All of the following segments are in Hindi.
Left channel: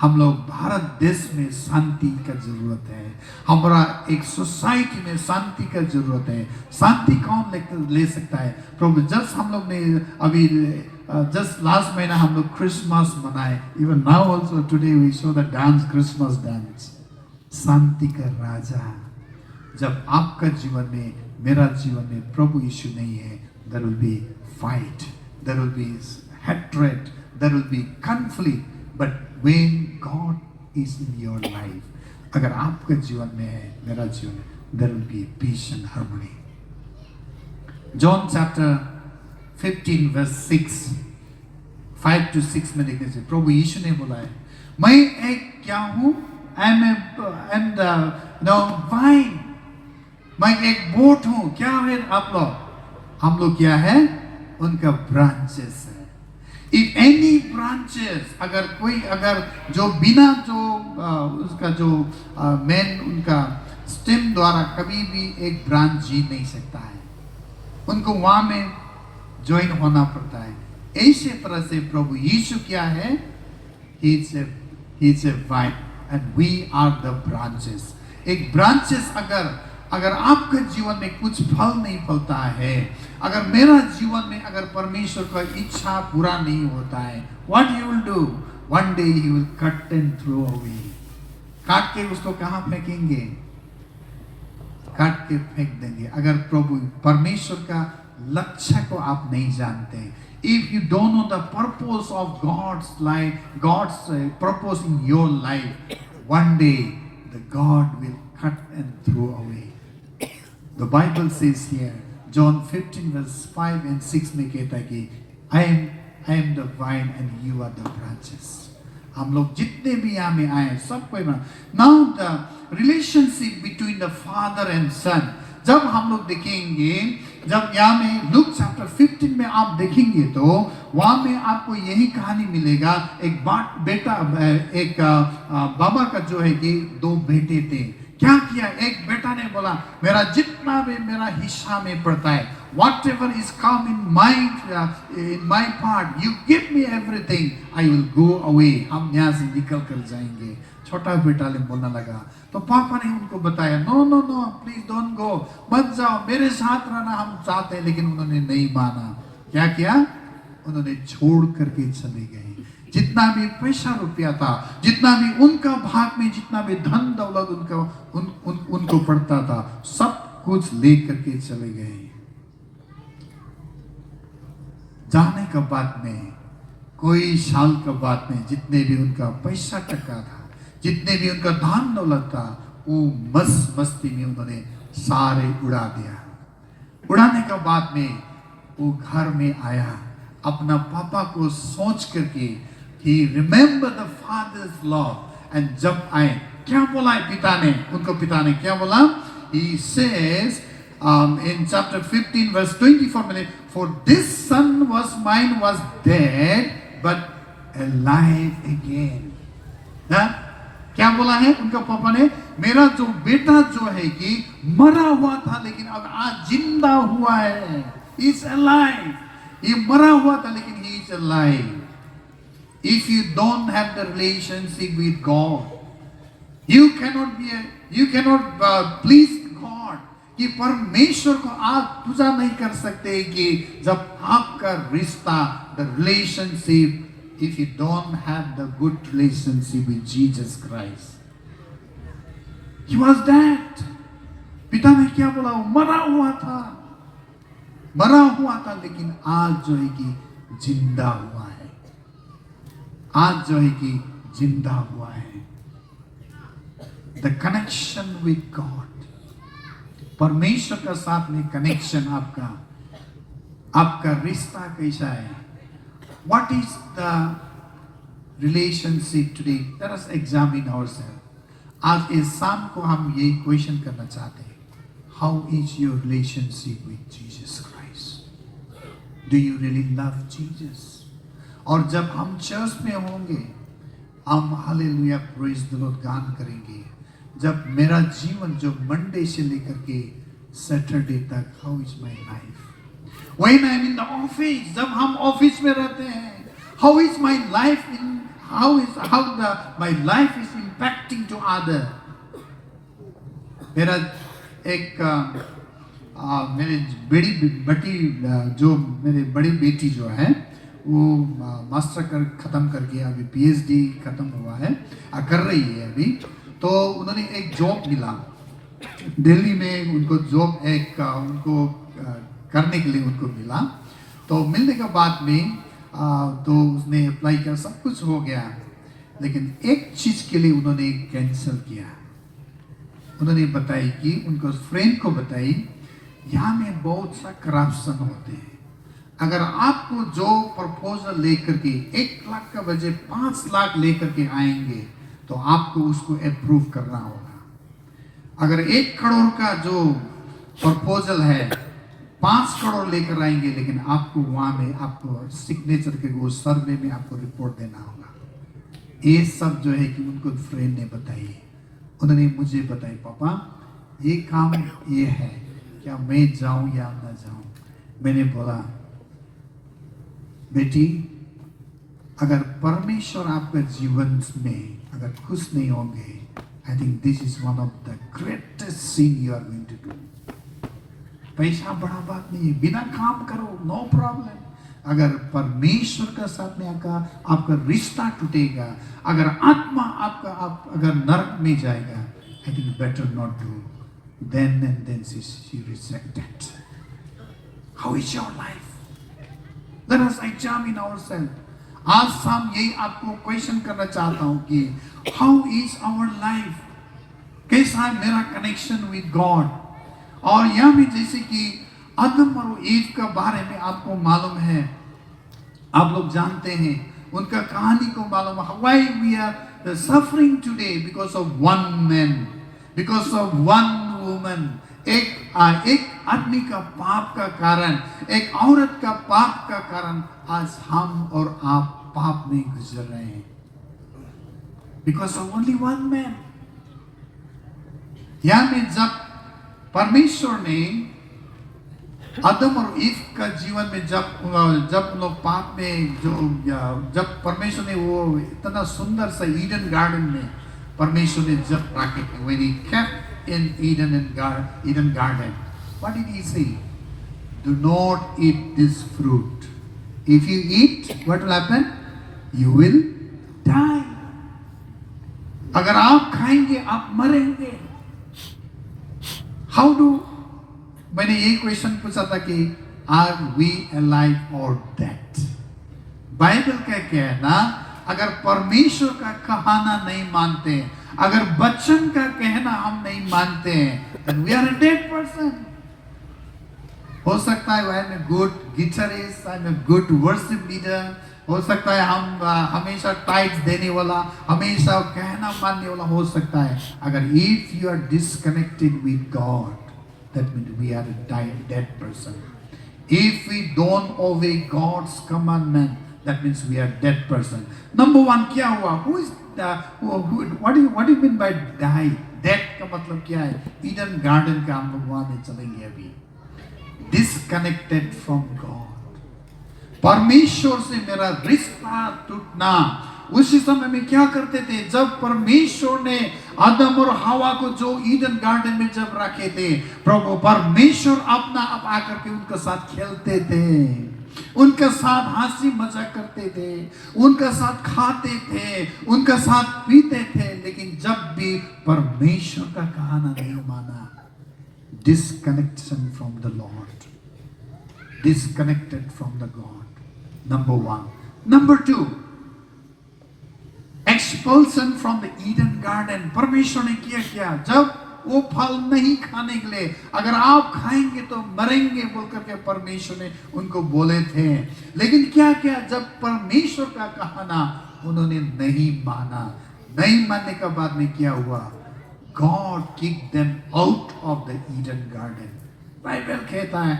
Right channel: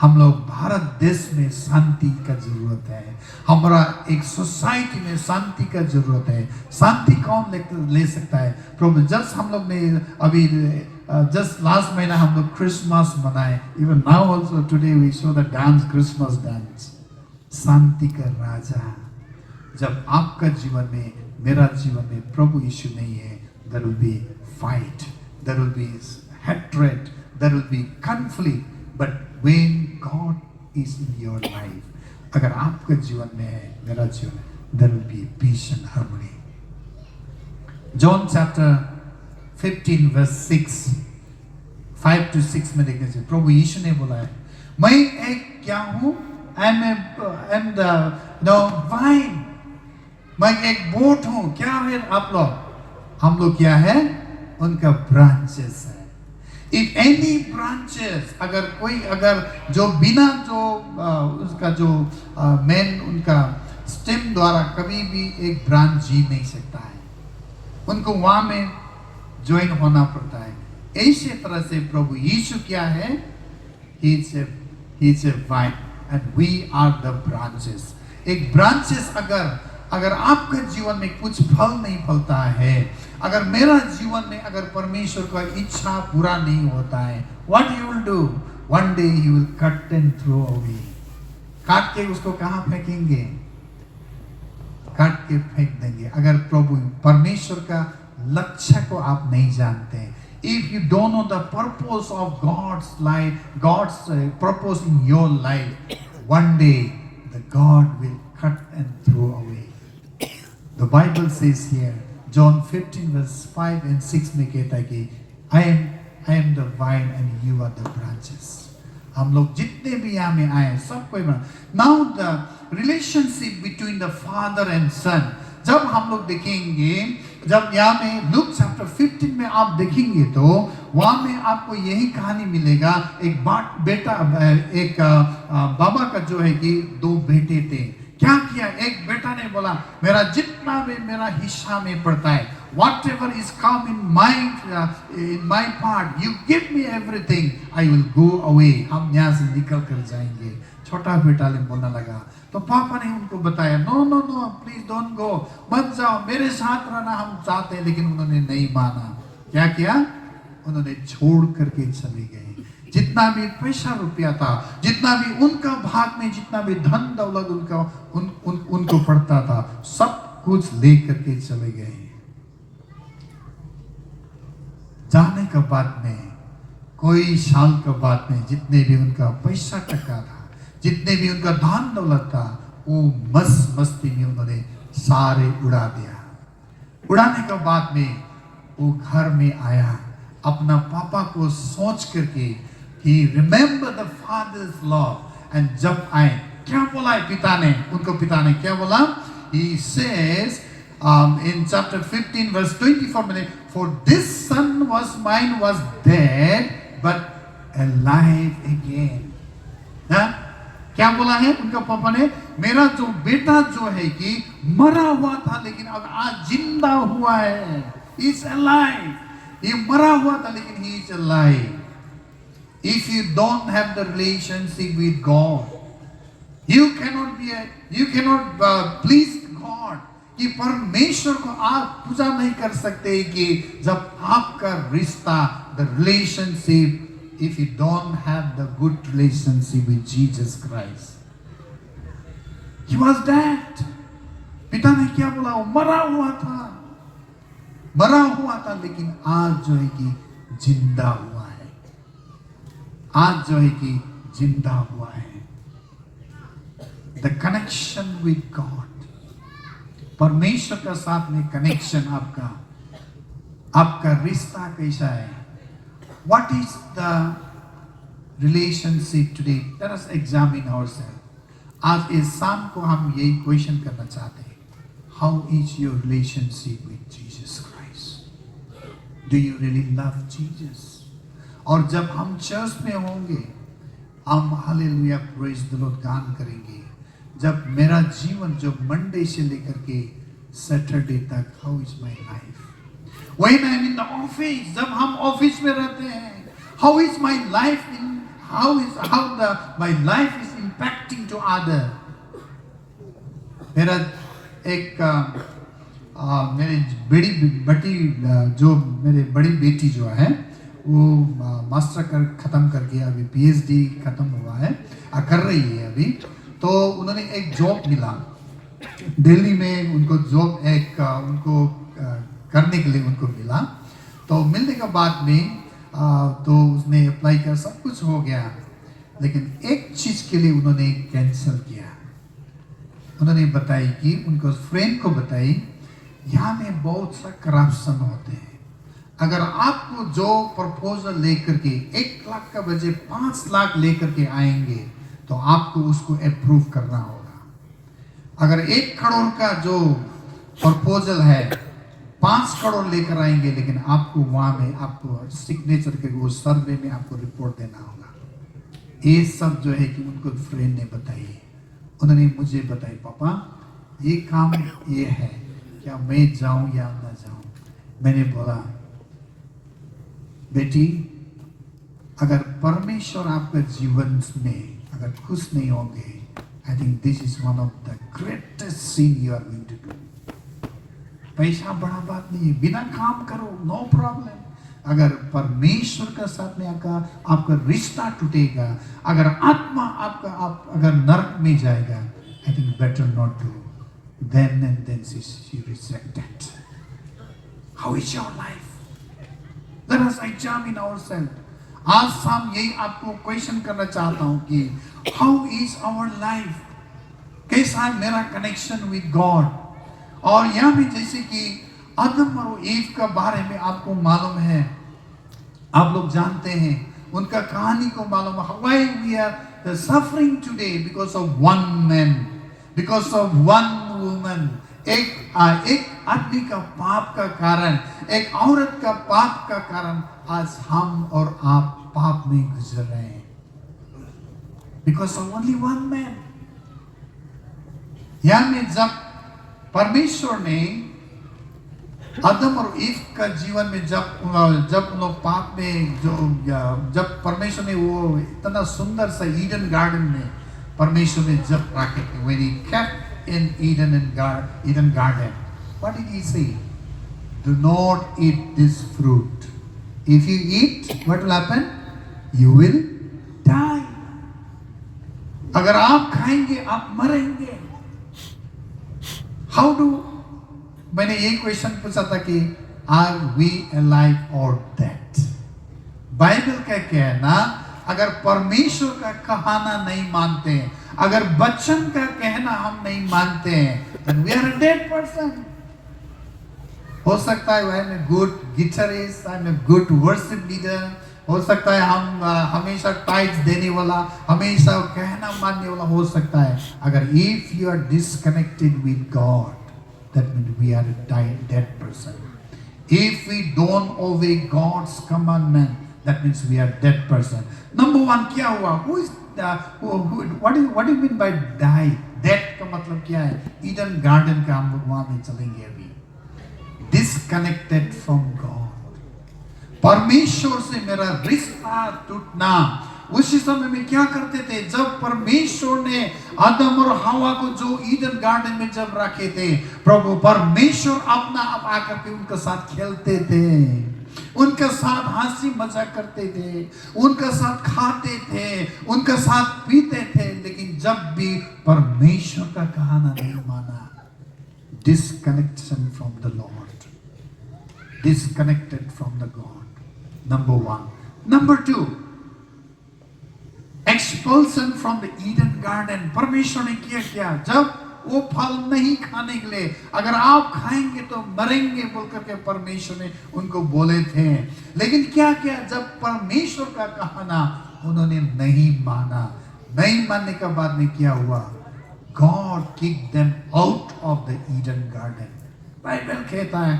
हम लोग भारत देश में शांति का जरूरत है, हमारा एक सोसाइटी में शांति का जरूरत है। शांति कौन ले सकता है? प्रभु जस्ट हम लोग ने अभी जस्ट लास्ट महीना हम लोग क्रिसमस मनाए, even now also today we show the dance, Christmas dance. शांति का राजा, जब आपका जीवन में, मेरा जीवन में प्रभु यीशु नहीं है, there will be fight, there will be hatred, there will be conflict. But when God is in your life, अगर आपका जीवन में है, मेरा जीवन में, there will be peace and harmony. John chapter 15 verse 6, 5 to 6 में देखने से प्रभु यीशु ने बोला है, मैं एक क्या हूँ? I am the vine. मैं एक बोट हूँ। क्या है आप लोग? हम लोग क्या है? उनका ब्रांचेस है। If any branches, अगर जो बिना जो उसका जो मेन उनका स्टेम द्वारा कभी भी एक ब्रांच जी नहीं सकता है, उनको वहां में ज्वाइन होना पड़ता है। ऐसे तरह से प्रभु यीशु क्या है? He is a vine and we are the branches. एक ब्रांचेस अगर आपके जीवन में कुछ फल नहीं फलता है, अगर मेरा जीवन में अगर परमेश्वर का इच्छा पूरा नहीं होता है, what he will do? One day he will cut and throw away. काट के उसको कहाँ फेंकेंगे? काट के फेंक देंगे। अगर प्रभु परमेश्वर का लक्ष्य को आप नहीं जानते, if you don't know the purpose of God's life, God's purpose in your life, one day the God will cut and throw away. The Bible says here, John 15 verse 5 and 6 में कहता है कि I am the vine and you are the branches. हम लोग जितने भी यहाँ में आए सब कोई ना, now the relationship between the father and son, जब हम लोग देखेंगे, जब यहाँ में लूक चैप्टर 15 में आप देखेंगे तो वहाँ में आपको यही कहानी मिलेगा। एक बेटा, एक बाबा का जो है कि दो बेटे थे। क्या किया? एक बेटा ने बोला मेरा जितना भी मेरा हिस्सा में पड़ता है, whatever is come in my part, you give me everything, I will go away. हम यहाँ से निकल कर जाएंगे। छोटा बेटा ने बोलने लगा, तो पापा ने उनको बताया no no no please don't go, मत जाओ, मेरे साथ रहना हम चाहते हैं। लेकिन उन्होंने नहीं माना। क्या किया? उन्होंने छोड़ करके चले गए। जितना भी पैसा रुपया था, जितना भी उनका भाग में जितना भी धन दौलत उनको पड़ता था, सब कुछ ले करके चले गए। जाने का बाद में कोई साल का बाद में जितने भी उनका पैसा टका था, जितने भी उनका धन दौलत था, वो मस्ती में उन्होंने सारे उड़ा दिया। उड़ाने के बाद में वो घर में आया, अपना पापा को सोच करके he remember the father's love, and जब आए क्या बोला है पिता ने? उनको पिता ने क्या बोला? He says in chapter 15 verse 24 में, for this son was mine was dead but alive again. ना क्या बोला है उनका पापा ने? मेरा जो बेटा जो है कि मरा हुआ था लेकिन अब आज जिंदा हुआ है। He is alive. ये मरा हुआ था लेकिन he is alive. If you don't have the relationship with God, you cannot please God. कि परमेश्वर को आप पूजा नहीं कर सकते कि जब आपका रिश्ता, the relationship, if you don't have the good relationship with Jesus Christ. He was dead. पिता ने क्या बोला? मरा हुआ था लेकिन आज जो है कि जिंदा हुआ है। आज जो है कि जिंदा हुआ है। The connection with God, परमेश्वर के साथ में कनेक्शन आपका रिश्ता कैसा है? What is the relationship today? Let us examine ourselves. आज इस शाम को हम यही क्वेश्चन करना चाहते हैं। How is your relationship with Jesus Christ? Do you really love Jesus? और जब हम चर्च में होंगे, हम हालेलुया प्रेज द लॉर्ड गान करेंगे। जब मेरा जीवन जो मंडे से लेकर के सैटरडे तक, how is my life? When I am in the office, जब हम ऑफिस में रहते हैं, how is my life in my life is impacting to other. मेरा एक मेरी मेरे बड़ी बेटी जो है वो मास्टर खत्म करके अभी पीएचडी खत्म हुआ है, कर रही है अभी। तो उन्होंने एक जॉब मिला दिल्ली में, उनको जॉब एक उनको करने के लिए उनको मिला। तो मिलने के बाद में तो उसने अप्लाई किया, सब कुछ हो गया, लेकिन एक चीज के लिए उन्होंने कैंसिल किया। उन्होंने बताई कि उनको फ्रेंड को बताई, यहाँ में बहुत सा करप्शन होते हैं। अगर आपको जो प्रपोजल लेकर के 1 लाख का बजट 5 लाख लेकर के आएंगे तो आपको उसको अप्रूव करना होगा। अगर 1 करोड़ का जो प्रपोजल है 5 करोड़ लेकर आएंगे, लेकिन आपको वहां में आपको सिग्नेचर के वो सर्वे में आपको रिपोर्ट देना होगा। ये सब जो है कि उनको फ्रेंड ने बताई, उन्होंने मुझे बताई, पापा ये काम ये है, क्या मैं जाऊं या ना जाऊं। मैंने बोला बेटी, अगर परमेश्वर आपके जीवन में अगर कुछ नहीं होंगे, I think this is one of the greatest scene you are going to do. पैसा बड़ा बात नहीं है, बिना काम करो, नो प्रॉब्लम। अगर परमेश्वर का साथ में आपका रिश्ता टूटेगा, अगर आत्मा आपका अगर नरक में जाएगा, I think better not to. Then and then she rejected. How is your life? Let us examine ourselves. आज शाम यही आपको क्वेश्चन करना चाहता हूँ कि how is our life? कैसा है मेरा कनेक्शन विद गॉड? और यहाँ भी जैसे कि आदम और ईव का बारे में आपको मालूम है, आप लोग जानते हैं, उनका कहानी को मालूम है। Why we are suffering today because of one man, because of one woman. एक आदमी का पाप का कारण, एक औरत का पाप का कारण आज हम और आप पाप में गुजर रहे हैं। Because of only one man. यहाँ में जब परमेश्वर ने आदम और ईव का जीवन में जब उन्होंने पाप में जब परमेश्वर ने वो इतना सुंदर सा ईडन गार्डन में परमेश्वर ने जब रखे थे, when he kept in Eden garden, what did he say? Do not eat this fruit. If you eat, what will happen? You will die. अगर आप खाएंगे आप मरेंगे। How do? मैंने ये क्वेश्चन पूछा था कि Are we alive or dead? Bible का कहना, अगर परमेश्वर का कहना नहीं मानते हैं, अगर बच्चन का कहना हम नहीं मानते हैं, then we are a dead person. हो सकता है I am a good guitarist, I am a good worship leader, हो सकता है हम हमेशा टाइट्स देने वाला, हमेशा कहना मानने वाला हो सकता है। अगर if you are disconnected with God, that means we are a dead person. If we don't obey God's commandment, that means we are dead person. Number one क्या हुआ? What do you mean by die? Dead का मतलब क्या है? Eden garden का हम लोग वहाँ में चलेंगे अभी। Disconnected from God. परमेश्वर से मेरा रिश्ता टूटना। उसी समय में क्या करते थे? जब परमेश्वर ने आदम और हवा को जो ईडन गार्डन में जब रखे थे, प्रभु परमेश्वर अपना आप आकर के उनके साथ खेलते थे, उनके साथ हंसी मजाक करते थे, उनके साथ खाते थे, उनके साथ पीते थे। लेकिन जब भी परमेश्वर का कहना नहीं माना, disconnection from the Lord, disconnected from the God. Number one. Number two, expulsion from the Eden garden. परमेश्वर ने किया जब वो फल नहीं खाने के लिए, अगर आप खाएंगे तो मरेंगे बोलकर के परमेश्वर ने उनको बोले थे। लेकिन क्या किया? जब परमेश्वर का कहना उन्होंने नहीं माना, नहीं मानने के बाद में क्या हुआ? God kicked them out of the Eden garden. Bible कहता है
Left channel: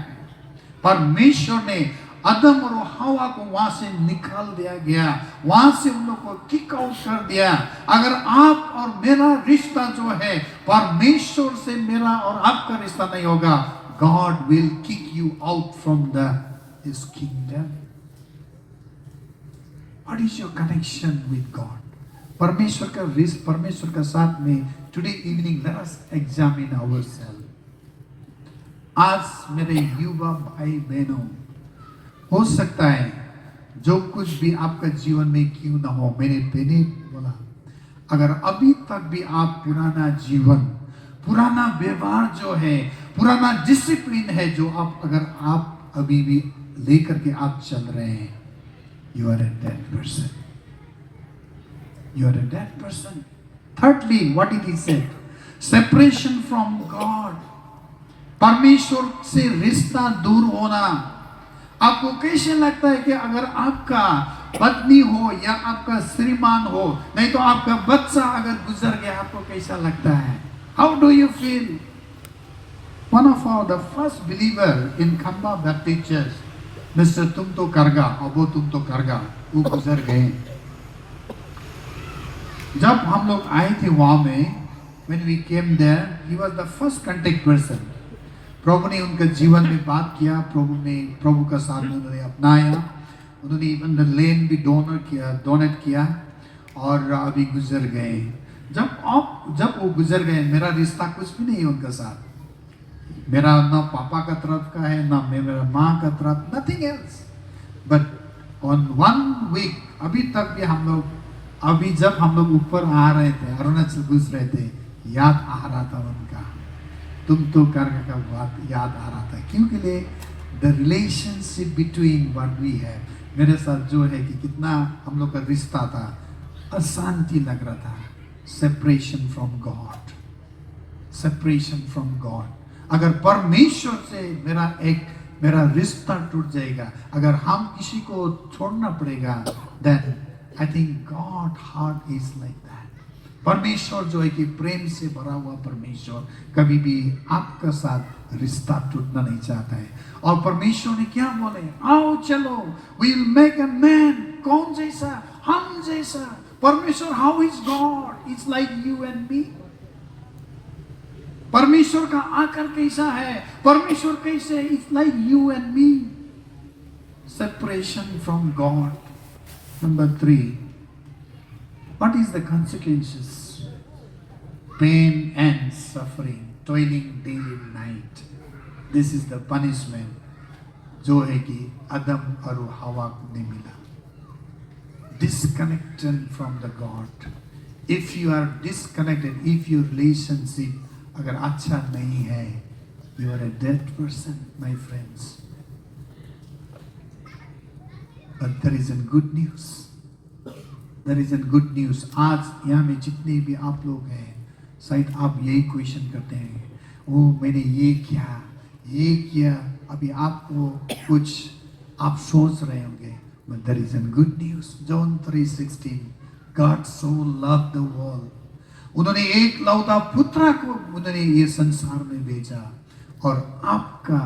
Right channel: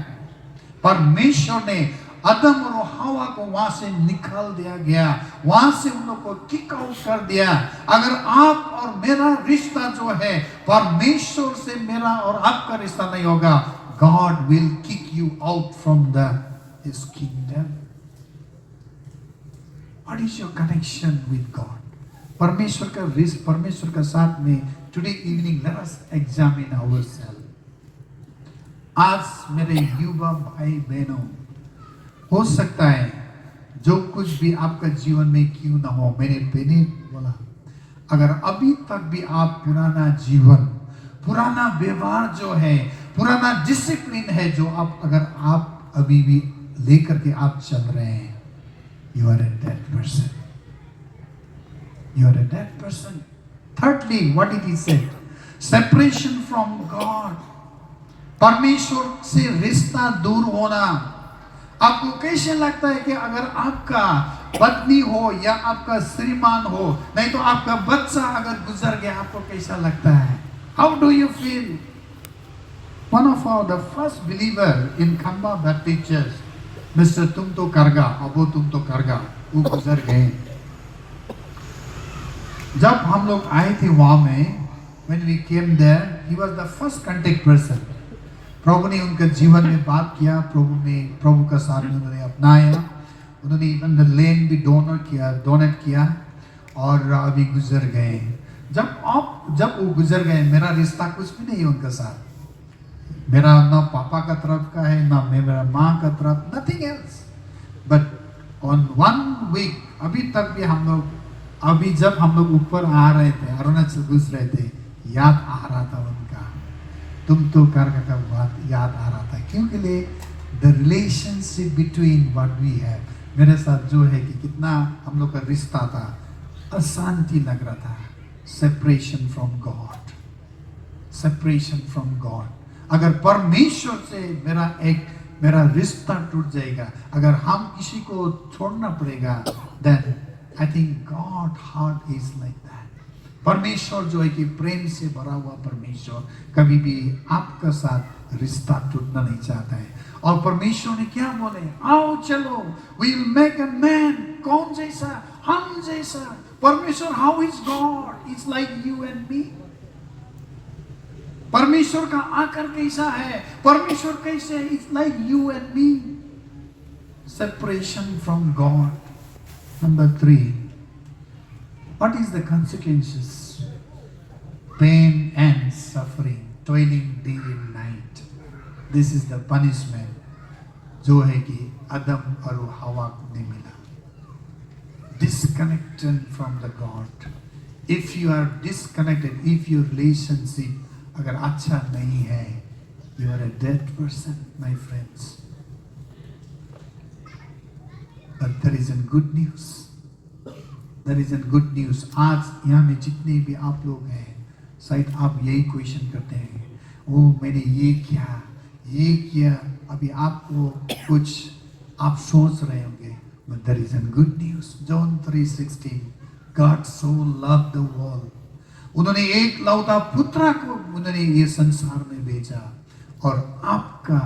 परमेश्वर ने आदम और हवा को वहां से निकाल दिया गया, वहां से उन लोगों को किक आउट कर दिया। अगर आप और मेरा रिश्ता जो है परमेश्वर से मेरा और आपका रिश्ता नहीं होगा, God will kick you out from his kingdom. What is your connection with God? परमेश्वर का रिश्ता, परमेश्वर का साथ में today evening let us examine ourselves. आज मेरे युवा भाई बहनों, हो सकता है जो कुछ भी आपका जीवन में क्यों ना हो, मेरे बेटे बोला, अगर अभी तक भी आप पुराना जीवन, पुराना व्यवहार जो है, पुराना डिसिप्लिन है जो आप अभी भी लेकर के आप चल रहे हैं, you are a dead person. You are a dead person. Thirdly, what did he say? Separation from God. परमेश्वर से रिश्ता दूर होना. आपको कैसे लगता है कि अगर आपका पत्नी हो या आपका श्रीमान हो, नहीं तो आपका बच्चा अगर गुजर गया, आपको कैसा लगता है? How do you feel? One of the first believer in Khamba Baptist Church, Mr. तुम तो करगा, अब वो तुम तो करगा, वो गुजर गए. जब हम लोग आए थे वहां में, when we came there, he was the first contact person. प्रभु ने उनके जीवन में बात किया, प्रभु का साथ में उन्होंने अपनाया, उन्होंने इवन द लैंड भी डोनेट किया और अभी गुजर गए. जब वो गुजर गए, मेरा रिश्ता कुछ भी नहीं है उनके साथ. मेरा ना पापा का तरफ का है, ना मेरा माँ का तरफ, nothing else. But on one week, अभी तक भी हम लोग, अभी जब हम लोग ऊपर आ रहे थे, अरुणाचल घुस रहे थे, याद आ रहा था उनका, तुम तो करने का बात याद आ रहा था. क्योंकि the relationship between what we have, मेरे साथ जो है कि कितना हम लोग का रिश्ता था, अशांति लग रहा था. Separation from God. Separation from God. अगर परमेश्वर से मेरा रिश्ता टूट जाएगा, अगर हम किसी को छोड़ना पड़ेगा, then I think God heart is like that. परमेश्वर जो है कि प्रेम से भरा हुआ परमेश्वर कभी भी आपके साथ रिश्ता टूटना नहीं चाहता है. और परमेश्वर ने क्या बोले? आओ चलो, we'll make a man. कौन जैसा? हम जैसा. परमेश्वर, how is God? It's like you and me. परमेश्वर का आकार कैसा है? परमेश्वर कैसे? It's like you and me. Separation from God. Number 3. What is the consequences? Pain and suffering, toiling day and night. This is the punishment जो है कि आदम और हवा को नहीं मिला. Disconnected from the God. If you are disconnected, if your relationship अगर अच्छा नहीं है, you are a dead person, my friends. But there is a good news. There is a good news. आज यहाँ में जितने भी आप लोग हैं, शायद आप यही क्वेश्चन करते हैं, वो मैंने ये किया, अभी आपको कुछ आप सोच रहे होंगे. But there is a good news. John 3:16. God so loved the world. उन्होंने एक लौता पुत्र को उन्होंने ये संसार में भेजा और आपका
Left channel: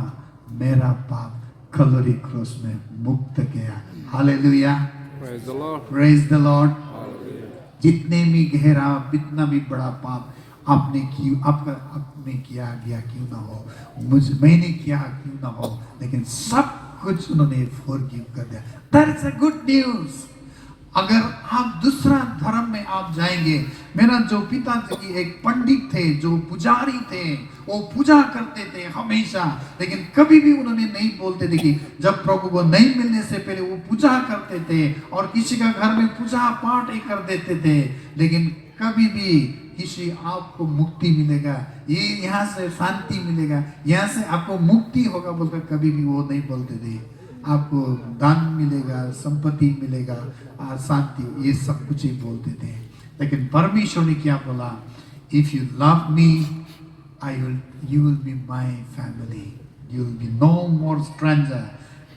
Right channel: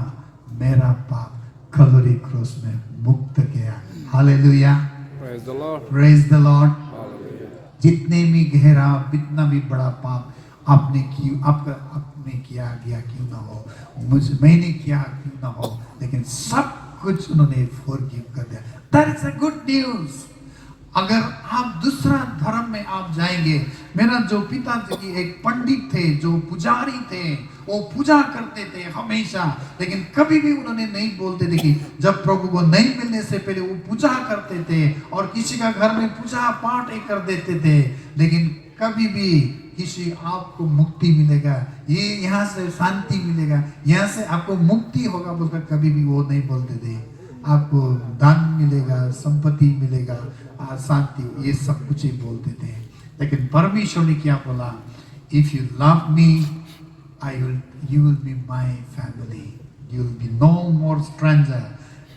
मेरा पाप कलवरी क्रॉस में मुक्त किया. Hallelujah. Praise the Lord. Praise the Lord. Hallelujah. जितने भी गहरा, जितना भी बड़ा पाप आपने किया गया क्यों ना हो, मैंने किया क्यों ना हो, लेकिन सब कुछ उन्होंने फॉरगिव कर दिया. That is a good news. अगर आप दूसरा धर्म में आप जाएंगे, मेरा जो पिताजी एक पंडित थे, जो पुजारी थे, वो पूजा करते थे हमेशा, लेकिन कभी भी उन्होंने नहीं बोलते थे कि जब प्रभु को नहीं मिलने से पहले वो पूजा करते थे और किसी का घर में पूजा पाठ कर देते थे, लेकिन कभी भी किसी आपको मुक्ति मिलेगा, ये यहाँ से शांति मिलेगा, यहाँ से आपको मुक्ति होगा बोलकर कभी भी वो नहीं बोलते थे. आपको दान मिलेगा, संपत्ति मिलेगा, शांति, ये सब कुछ ही बोलते थे. लेकिन परमेश्वर ने क्या बोला? If you love me, you will be my family. You will be no more stranger.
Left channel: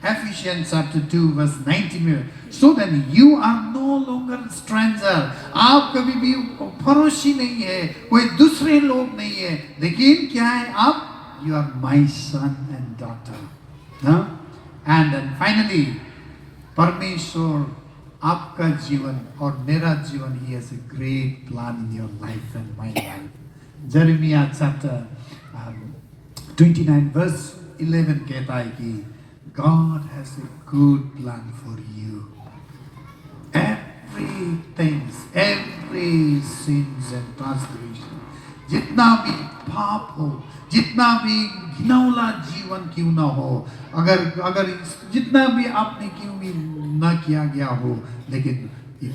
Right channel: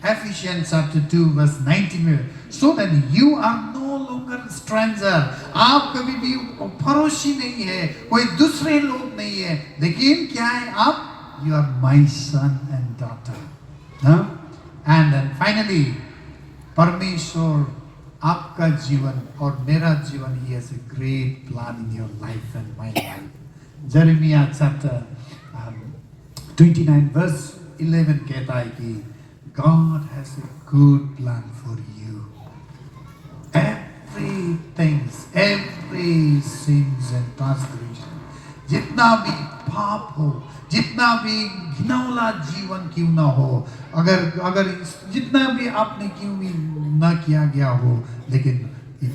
Ephesians chapter 2 verse 19. So then you are no longer stranger. आप कभी भी पड़ोसी नहीं है, कोई दूसरे लोग नहीं है, लेकिन क्या है आप? You are my son and daughter. Huh? And then finally, परमेश्वर आपका जीवन और मेरा जीवन, he has a great plan in your life and my life. Jeremiah chapter 29 verse 11 कहता है कि God has a good plan for you. things, every sins and transgression, जितना भी पाप हो, जितना भी घिनौना जीवन क्यों ना हो, अगर अगर जितना भी आपने क्यों भी ना किया गया हो, लेकिन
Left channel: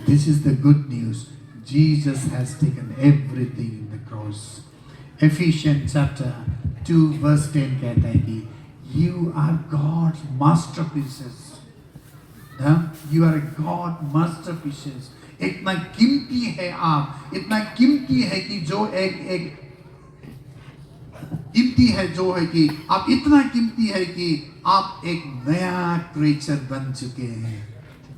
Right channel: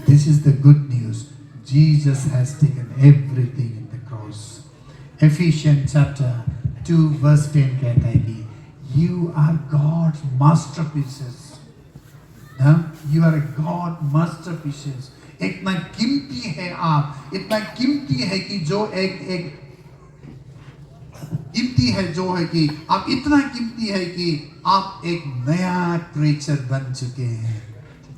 this is the good news. Jesus has taken everything in the cross. Ephesians chapter 2 verse 10 कहता है कि you are God's masterpieces. You are a God masterpieces. इतना कीमती है आप, इतना कीमती है कि जो एक कीमती है जो है कि आप इतना कीमती है कि आप एक नया क्रिएचर बन चुके हैं.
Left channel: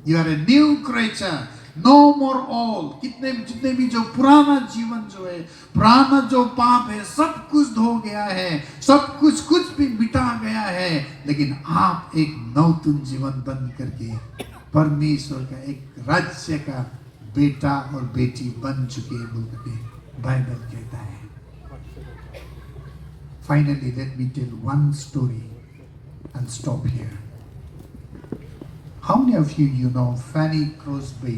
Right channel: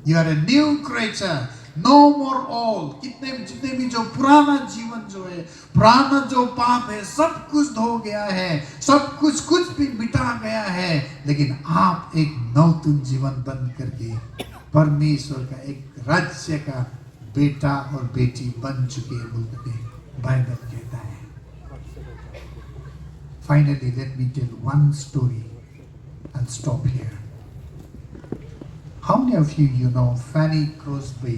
You are a new creature. No more all. जितने भी जो पुराना जीवन जो है, पुराना जो पाप है, सब कुछ धो गया है, सब कुछ भी मिटा गया है, लेकिन आप एक नवतुन जीवन बन करके परमेश्वर का एक राज्य का बेटा और बेटी बन चुके लोग हैं, बाइबल कहता है. Finally, let me tell one story and stop here. How many of you know Fanny Crosby?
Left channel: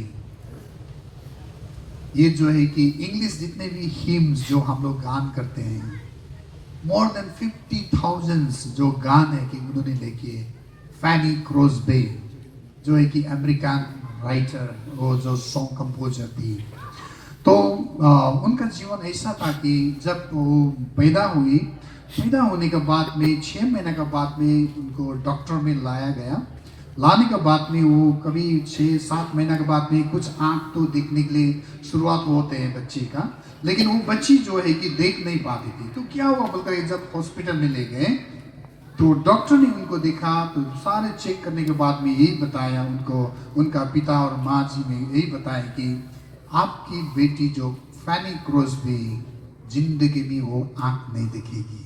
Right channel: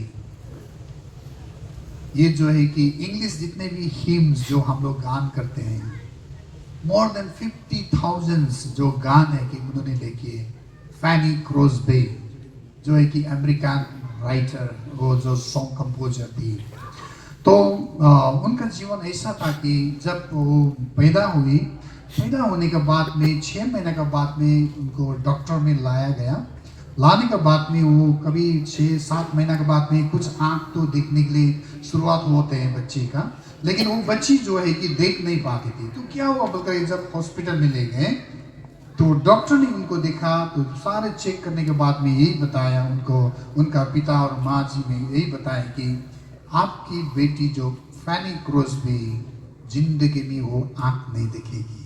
ये जो है कि इंग्लिश जितने भी हिम्स जो हम लोग गान करते हैं, more than 50,000 जो गान है कि उन्होंने लिखे. फैनी क्रोस्बे जो है कि अमेरिकन राइटर, वो जो सॉन्ग कंपोजर थी. तो उनका जीवन ऐसा था कि जब वो पैदा होने के बाद में 6 महीने के बाद में उनको डॉक्टर में लाया गया. लाने के बाद में वो कभी 6-7 महीने के बाद में कुछ आँख तो देखने के लिए शुरुआत होते हैं बच्चे का, लेकिन वो बच्ची जो है कि देख नहीं पाती थी. तो क्या हुआ बोलते, जब हॉस्पिटल में ले गए तो डॉक्टर ने उनको देखा, तो सारे चेक करने के बाद में यही बताया उनको, उनका पिता और माँ जी ने यही बताया कि आपकी बेटी जो फैनी क्रोस्बी जिंदगी में वो आँख नहीं दिखेगी.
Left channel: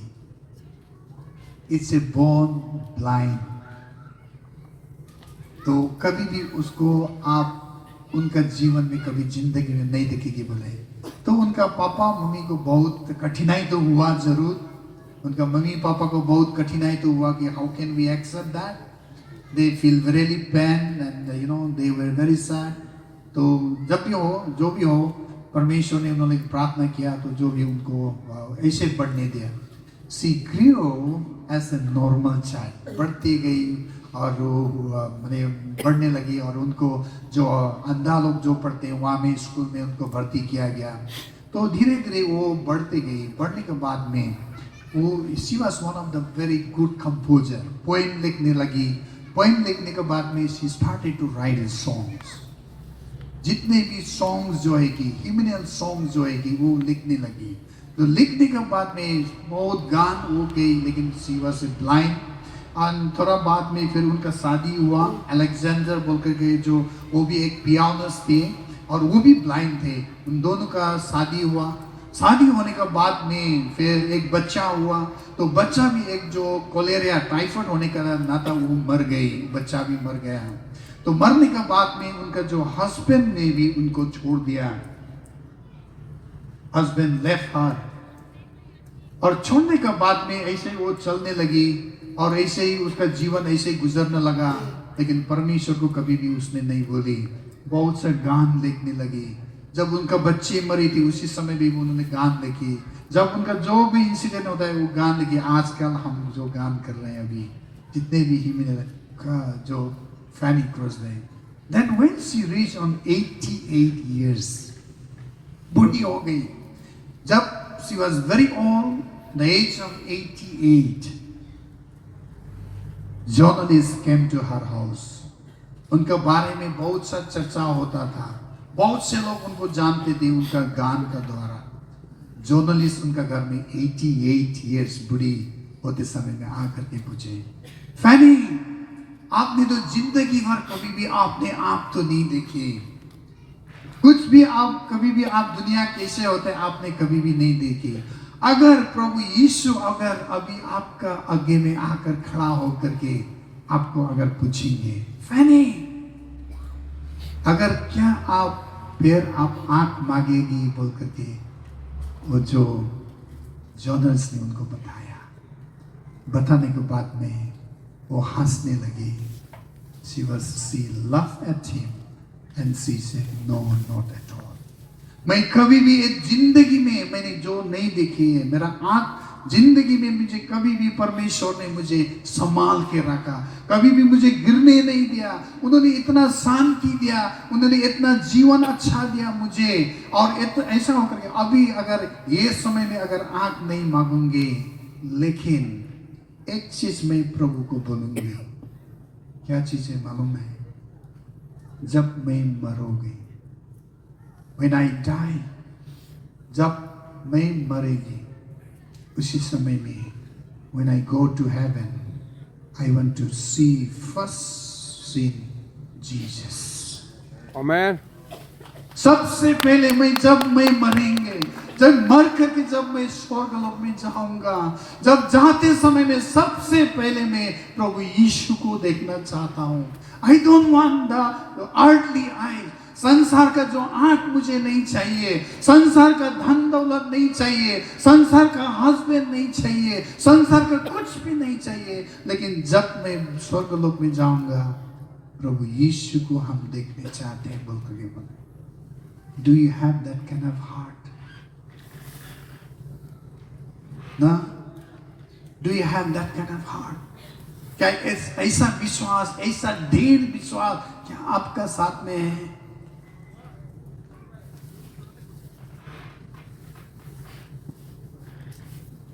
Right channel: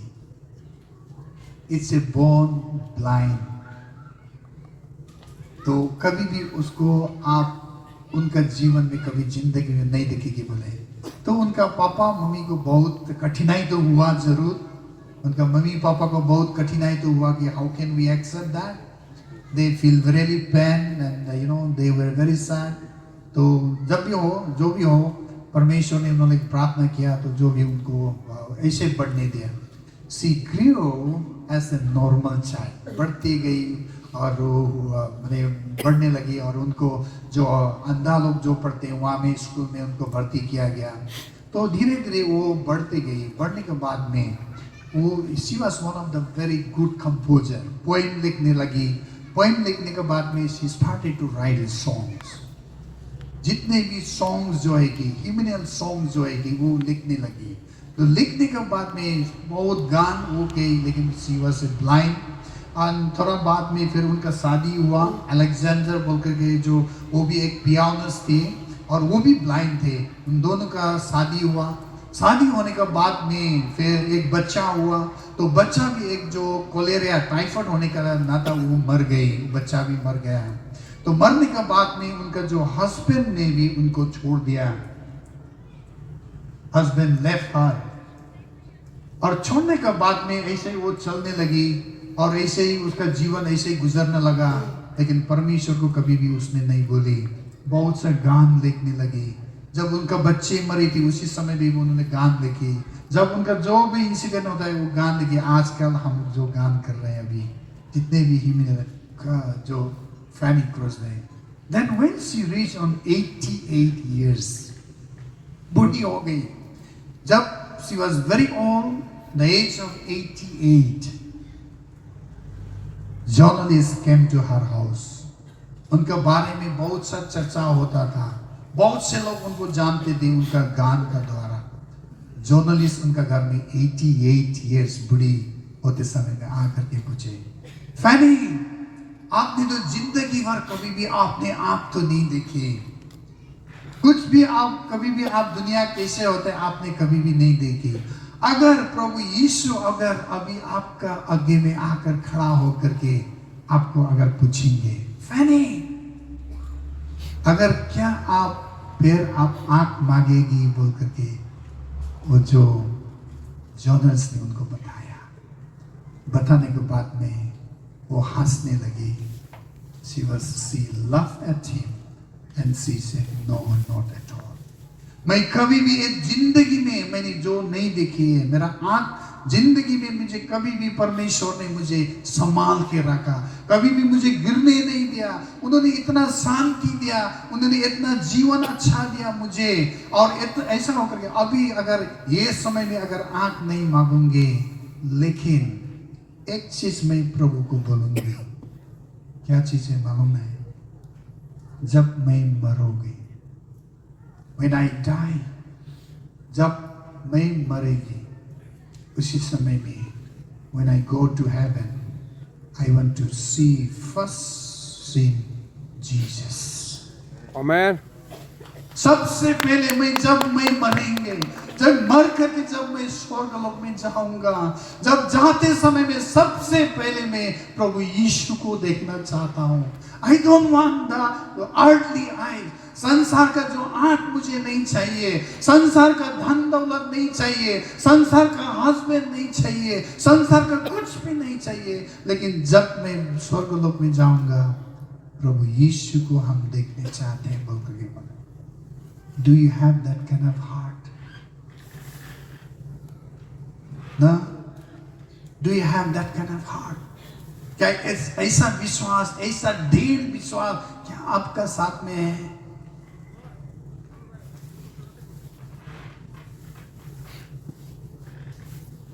It's a born blind. तो कभी भी उसको आप उनका जीवन में कभी जिंदगी में नहीं दिखेगी बोले. तो उनका पापा मम्मी को बहुत कठिनाई तो हुआ जरूर, उनका मम्मी पापा को बहुत कठिनाई तो हुआ कि how can we accept that. They feel really pain and they were very sad. तो जब भी हो जो भी हो, परमेश्वर ने उन्होंने प्रार्थना किया तो जो भी उनको ऐसे बढ़ने दिया. सी ग्रू एज ए नॉर्मल चाइल्ड, बढ़ती गई और वो बढ़ने लगी. और उनको जो अंधा लोग जो पढ़ते हैं वहाँ में स्कूल में उनको भर्ती किया गया. तो धीरे धीरे वो बढ़ते गई. बढ़ने के बाद में वो she was one of the very good composer. Poem लिखने लगी. पोएम लिखने के बाद में she started to write songs. जितने भी सॉन्ग्स जो है कि हिम्नल सॉन्ग्स जो है कि वो लिखने लगी. तो लिखने के बाद में बहुत गान हो गई, लेकिन शी वाज ब्लाइंड. और थोड़ा बाद में फिर उनका शादी हुआ. अलेक्जेंडर बोल के जो वो भी एक पियानिस्ट थे और वो भी ब्लाइंड थे. उन दोनों का शादी हुआ. शादी होने के बाद में फिर एक बच्चा हुआ. तो बच्चा भी एक जो कोलेरिया टाइफाइड होने का नाता वो मर गई, बच्चा भी मर गया. तो मरने के बाद में उनका जो हस्बैंड ने भी उनको छोड़ दिया. Husband left her. और छोड़ने के बाद में ऐसे वो चलने लगी और ऐसे ही उसका जीवन ऐसे ही गुजरने लगा. लेकिन परमेश्वर को कभी भी उसने नहीं बोली. बहुत से गान लिखने लगी. जब उनका बच्चे मरी थी उसी समय भी उन्होंने गान लिखी. जब उनका जो भी इंसिडेंट होता है वो गान लिखी. आजकल हम जो गान कर रहे हैं अभी जितने भी ही जो फैनी क्रोस्बी, that when she reached on 88 years, बूढ़ी हो गई. जब she was very old, the age of 88, journalists came to her house. उनके बारे में बहुत सा चर्चा होता था. बहुत से लोग उनको जानते थे उनका गान का द्वारा. जर्नलिस्ट उनका घर में 88 years बूढ़ी होते समय में आकर के पूछे, फैनी आपने तो जिंदगी भर कभी भी आपने आप तो नहीं देखी. कुछ भी आप कभी भी आप दुनिया कैसे होते हैं आपने कभी भी नहीं देखी. अगर प्रभु यीशु अगर अभी आपका आगे में आकर खड़ा होकर के आपको अगर पूछेंगे, फैनी अगर क्या आप फिर आप आंख मांगेगी बोल करके, वो जो जर्नलिस्ट ने उनको बताने के बाद में वो हंसने लगी. She laughed at him And she said, no, not at all. मैं कभी भी इस जिंदगी में मैंने जो नहीं देखी है, मेरा आंख जिंदगी में मुझे कभी भी परमेश्वर ने मुझे संभाल के रखा, कभी भी मुझे गिरने नहीं दिया। उन्होंने इतना शांति दिया, उन्होंने इतना जीवन अच्छा दिया मुझे। और ऐसा होकर के अभी अगर ये समय में अगर आंख नहीं मांगूंगे, लेकिन एक चीज मैं प्रभु को बोलूंगी। क्या चीज है मालूम है? जब मैं मरूंगी, when I die, जब मैं मरेगी, उसी समय में when I go to heaven, I want to see first seen Jesus. Amen. सबसे पहले जब मैं मरेंगे, जब मर करके जब मैं स्वर्गलोक में जाऊंगा, जब जाते समय में सबसे पहले मैं प्रभु यीशु को देखना चाहता हूँ। I don't want the earthly eye. संसार का जो आंख मुझे नहीं चाहिए, संसार का धन दौलत नहीं चाहिए, संसार का हस्बैंड नहीं चाहिए, संसार का कुछ भी नहीं चाहिए। लेकिन जब मैं स्वर्गलोक में जाऊंगा, प्रभु यीशु को हम देखने चाहते हैं। बोल के बोले, Do you have that kind of heart? ना? Do you have that kind of heart? क्या ऐसा विश्वास, ऐसा ढेर विश्वास क्या आपका साथ में है?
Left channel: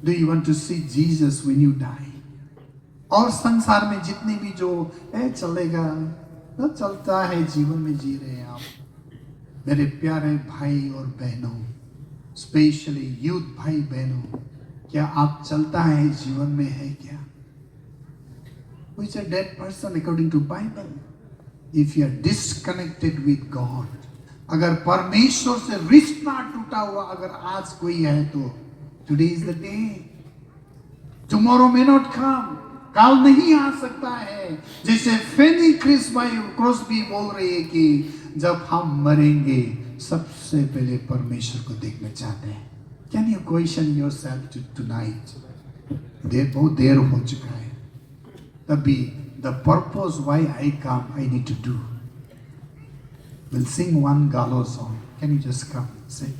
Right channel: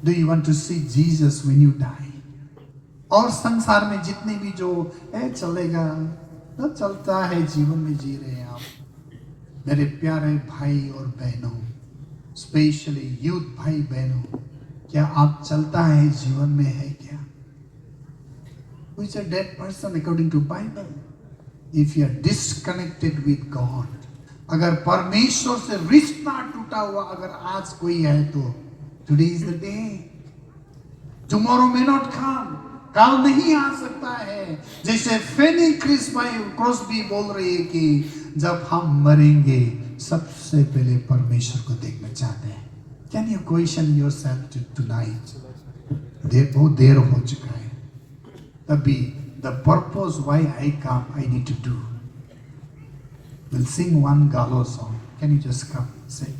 Do you want to see Jesus when you die? और संसार में जितने भी जो चलेगा, तो चलता है, जीवन में जी रहे हैं आप। मेरे प्यारे भाई और बहनों, स्पेशली यूथ भाई बहनों, क्या आप चलता है जीवन में है क्या? Who is a dead person according to Bible? If you are disconnected with God, अगर परमेश्वर से रिश्ता टूटा हुआ अगर आज कोई है तो today is the day. Tomorrow may not come. काल नहीं आ सकता है। जैसे फेनी क्रॉसबी बोल रही है कि जब हम मरेंगे सबसे पहले परमेश्वर को देखना चाहते हैं। Can you question yourself tonight? बहुत देर हो चुका है। अभी the purpose why I come, I need to do. We'll sing one Gallo song. Can you just come and say?